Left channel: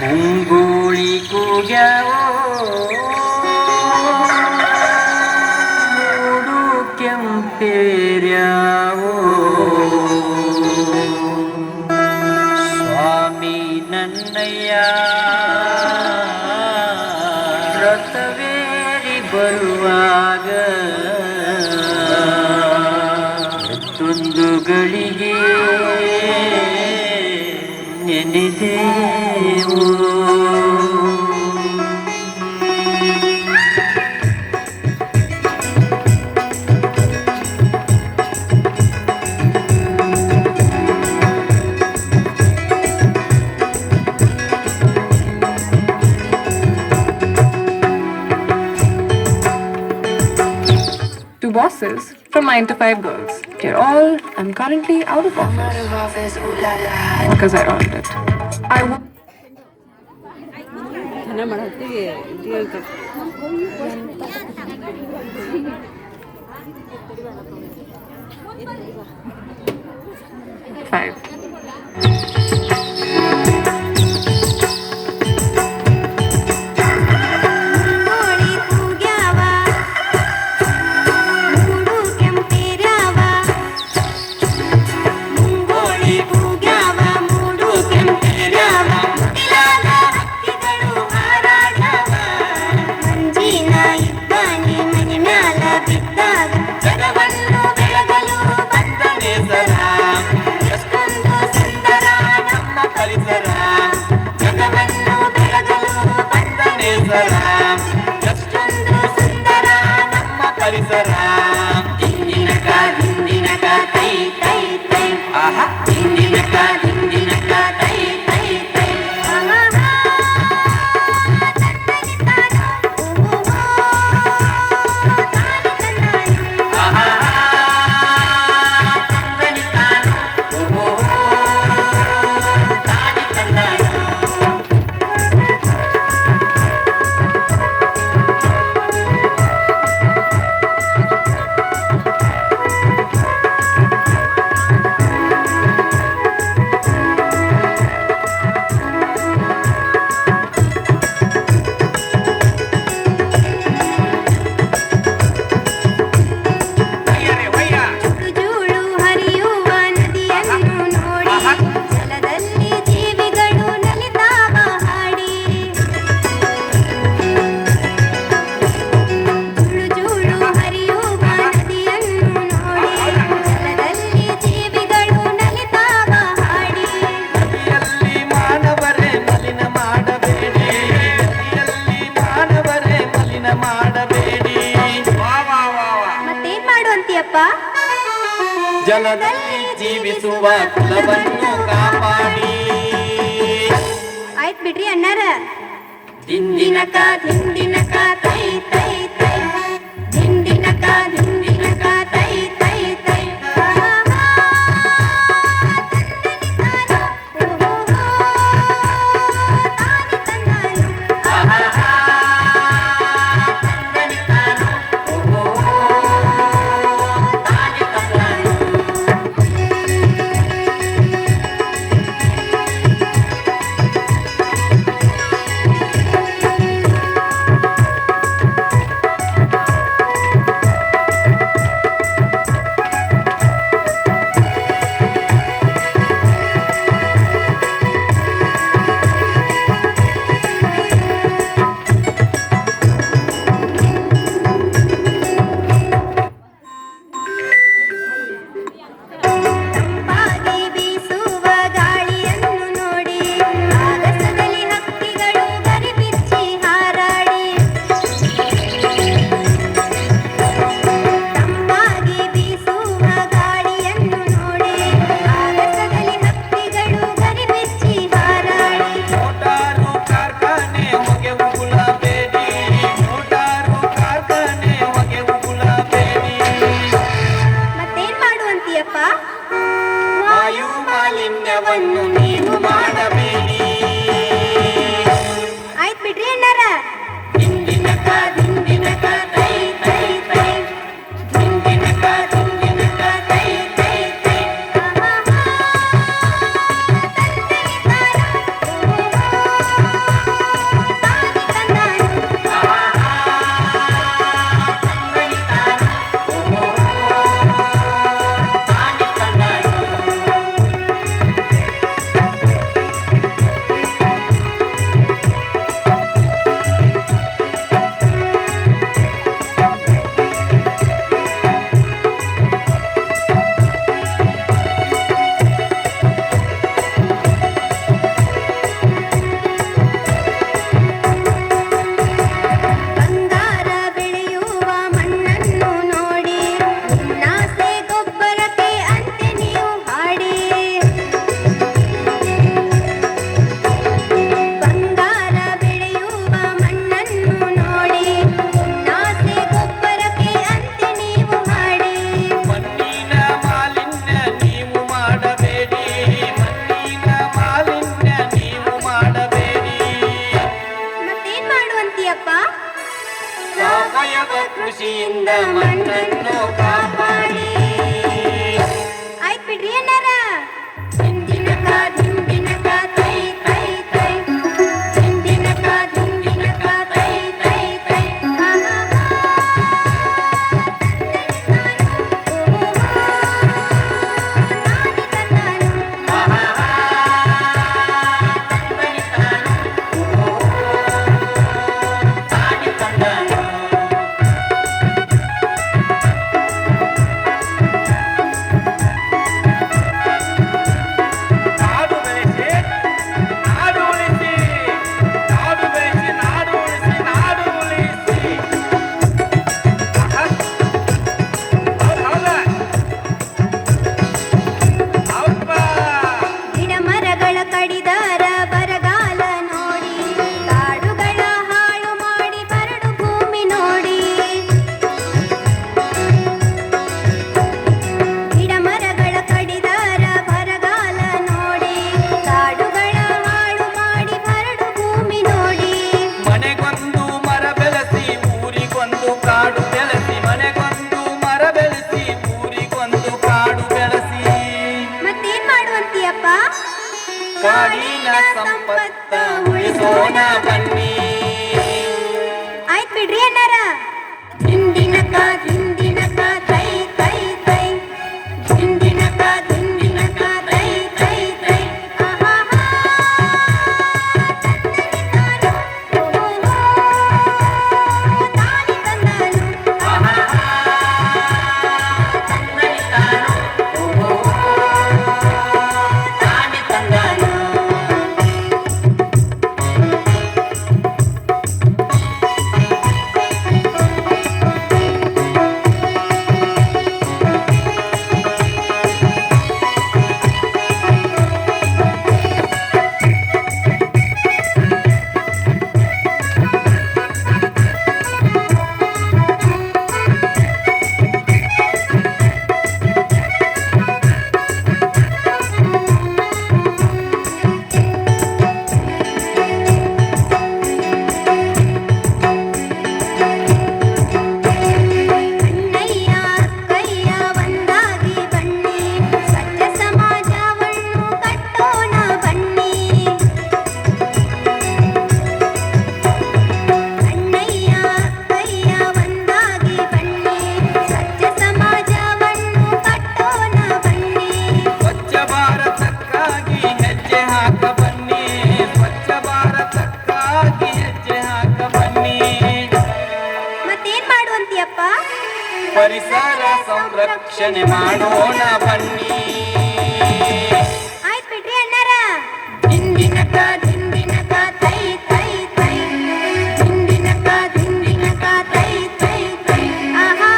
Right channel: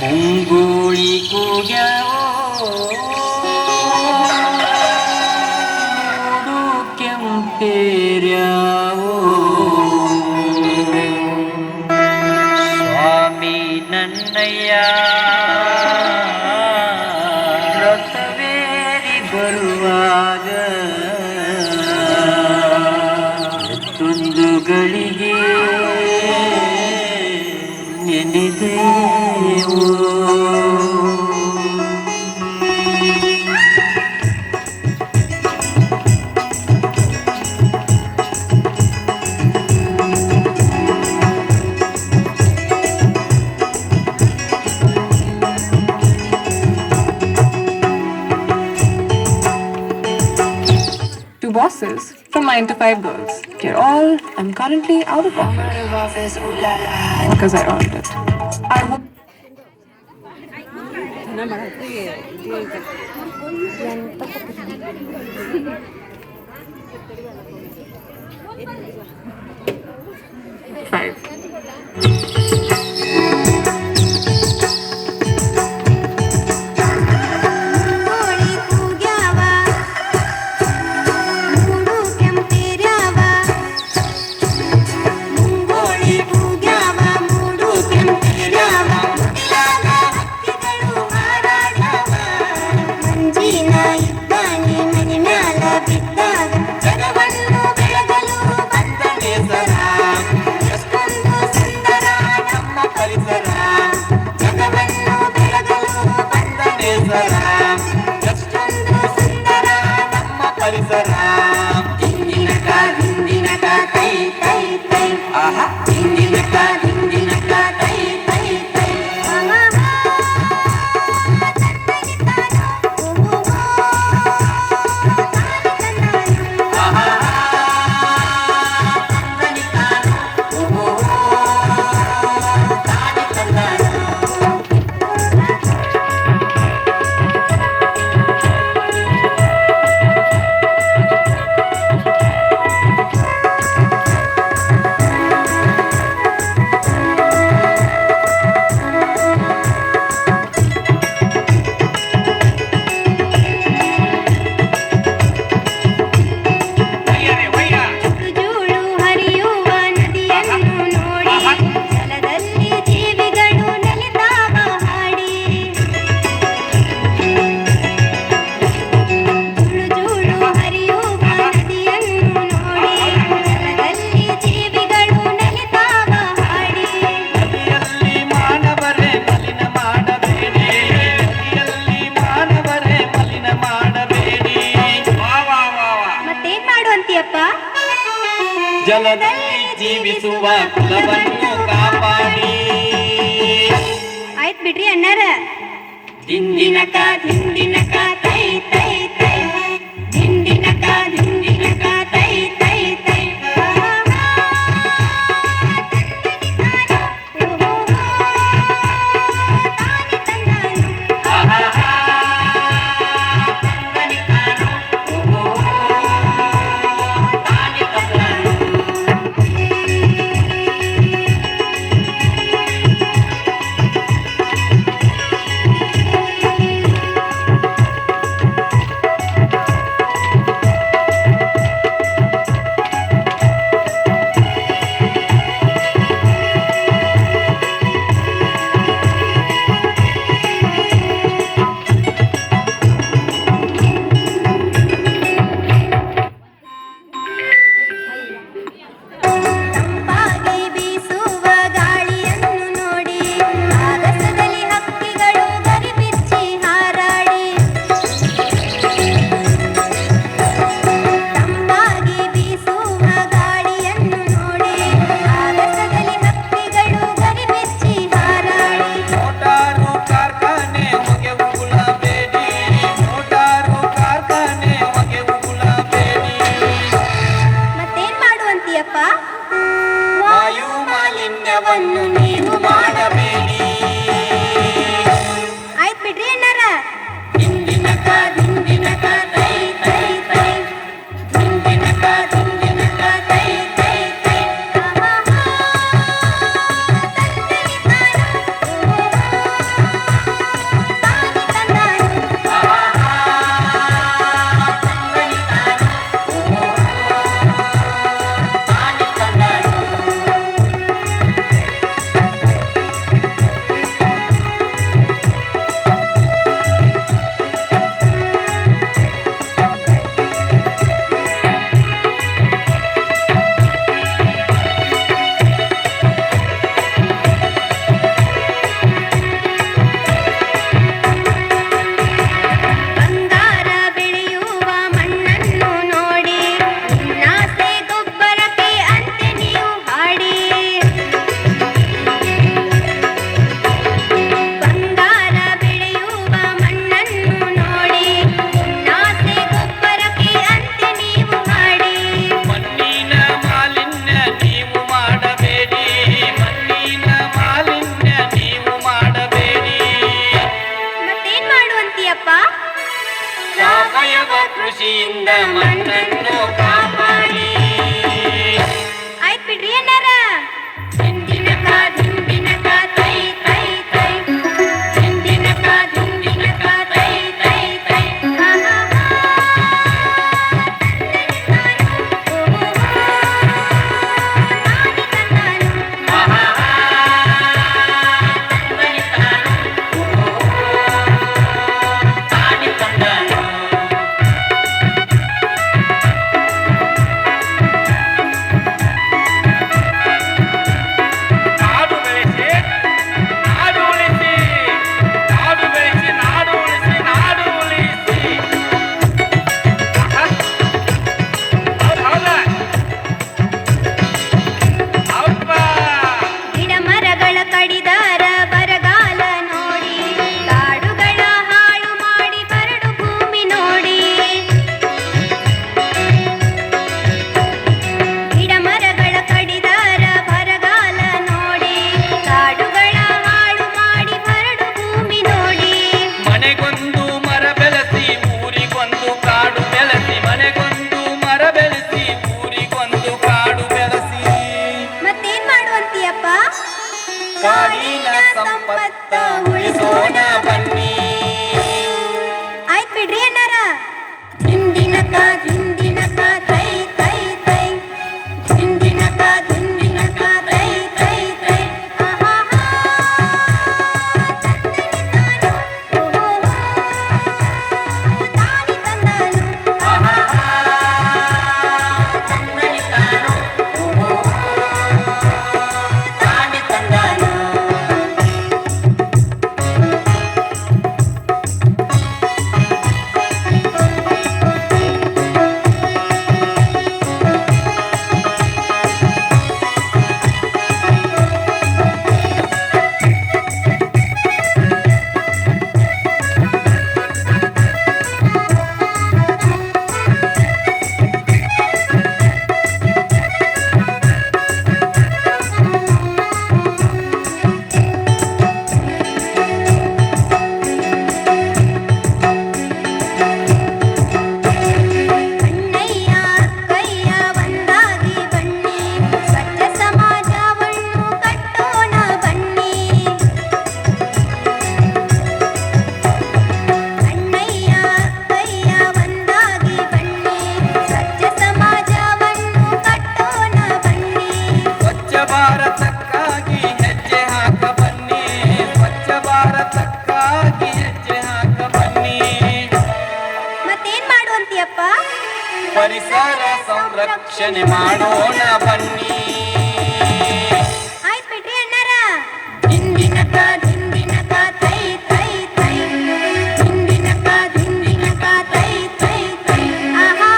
ಮುಂಗೋಳಿ ಕೂಗ್ಯಾವೋ ಮೂಡು ಕೆಂಪೇರ್ಯಾವೋ ಸ್ವಾಮಿ ನನ್ನಯ್ಯ ರಥವೇರಿ ಬರುವಾಗ ಮತ್ತೊಂದು ಗಳಿಗೆ ನೆನೆದೇವು Two bosses from 9 to 5 girls. They're all, I'm currently out of office because I earned it. I would. Five. ಜಲದಲ್ಲಿ ಜೀವಿಸುವ ಕುಲವನ್ನು ಕಾಪಾಡಿ ಆಯ್ತು ಬಿಡ್ರಿ ಅಣ್ಣಾರ ದಿಂದಿನಕ ದಿಂದಿನಕ ತೈ ತೈ ತೈ ದಿಂದಿನಕ ದಿಂದಿನಕ ತೈ ತೈ ತೈ ಕೃಷಿಯಿಂದ ಮಣ್ಣನ್ನು ಕಾಪಾಡಿ. ಆಯ್ತು ಬಿಡ್ರಿ ಏನಾರ. ದಿಂಡಿನಕ ದಿಂಡಿನಕ ತೈ ತೈ ತೈ, ದಿಂಡಿನಕ ದಿಂಡಿನಕ ತೈ ತೈ ತೈ. ಗಿಡ ಮರಗಳ ಕಡಿದಾರ ಬರಗಾಲ ನೋಡಿ, ಕಾಡುಗಳ ಹಾಳು ಮಾಡಿ ಬರಡು ಭೂಮಿ ನೋಡಿ. ಗಿಡ ಮರಗಳ ಕಡಿದಾರ ಬರಗಾಲ ನೋಡಿ, ಕಾಡುಗಳ ಹಾಳು ಮಾಡಿ ಬರಡು ಭೂಮಿ ನೋಡಿ. ಮನೆಗೊಂದು ಮರ ಬೆಳೆಸಿ ಊರಿಗೊಂದು ಕಾಡು ಬೆಳೆಸಿ, ಮನೆಗೊಂದು ಮರ ಬೆಳೆಸಿ ಊರಿಗೊಂದು ಕಾಡು ಬೆಳೆಸಿ. ಮತ್ತೇನ್ ಮಾಡುವಂತೀಯಪ್ಪ? ಕಾಡಿನ ಸಂಪತ್ತ ಉಳಿಸೋಣ ಬನ್ನಿ. ಆಯ್ತು ಬಿಡ್ರಿ ಏನಾರ. ದಿಂಡಿನಕ ದಿಂಡಿನಕ ತೈ ತೈ ತೈ, ದಿಂಡಿನಕ ದಿಂಡಿನಕ ತೈ ತೈ ತೈ. ಅಣ್ಣಯ್ಯ ಅಕ್ಕಯ್ಯ ಒಂದಾಗಿ ಬನ್ನಿ, ಸ್ವಚ್ಛ ಸಮಾಜವನ್ನು ಕಟ್ಟೋಣ ಬನ್ನಿ. ಅಣ್ಣಯ್ಯ ಅಕ್ಕಯ್ಯ ಒಂದಾಗಿ ಬನ್ನಿ, ಸ್ವಚ್ಛ ಸಮಾಜವನ್ನು ಕಟ್ಟೋಣ ಬನ್ನಿ. ಸ್ವಚ್ಛ ಭಾರತಕ್ಕಾಗಿ ಹೆಜ್ಜೆ ಹಾಕ ಬನ್ನಿ, ಸ್ವಚ್ಛ ಭಾರತಕ್ಕಾಗಿ ಹೆಜ್ಜೆ ಹಾಕ ಬನ್ನಿ. ಮತ್ತೇನ್ ಮಾಡುವಂತೀಯಪ್ಪ? ಪರಿಸರ ಸಂರಕ್ಷಣೆ ಮಾಡೋಣ ಬನ್ನಿ. ಆಯ್ತು ಬಿಡ್ರಿ ಅಣ್ಣಾರ. ದಿಂಡಿನಕ ದಿಂಡಿನಕ ತೈ ತೈ ತೈ, ದಿಂಡಿನಕ ದಿಂಡಿನಕ ತೈ ತೈ ತೈ. ಆಹಾ.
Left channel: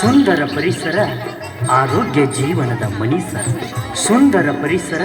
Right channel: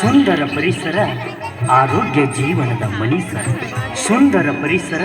ಸುಂದರ ಪರಿಸರ ಆರೋಗ್ಯ ಜೀವನದ ಮಣಿ ಸರ್. ಸುಂದರ ಪರಿಸರ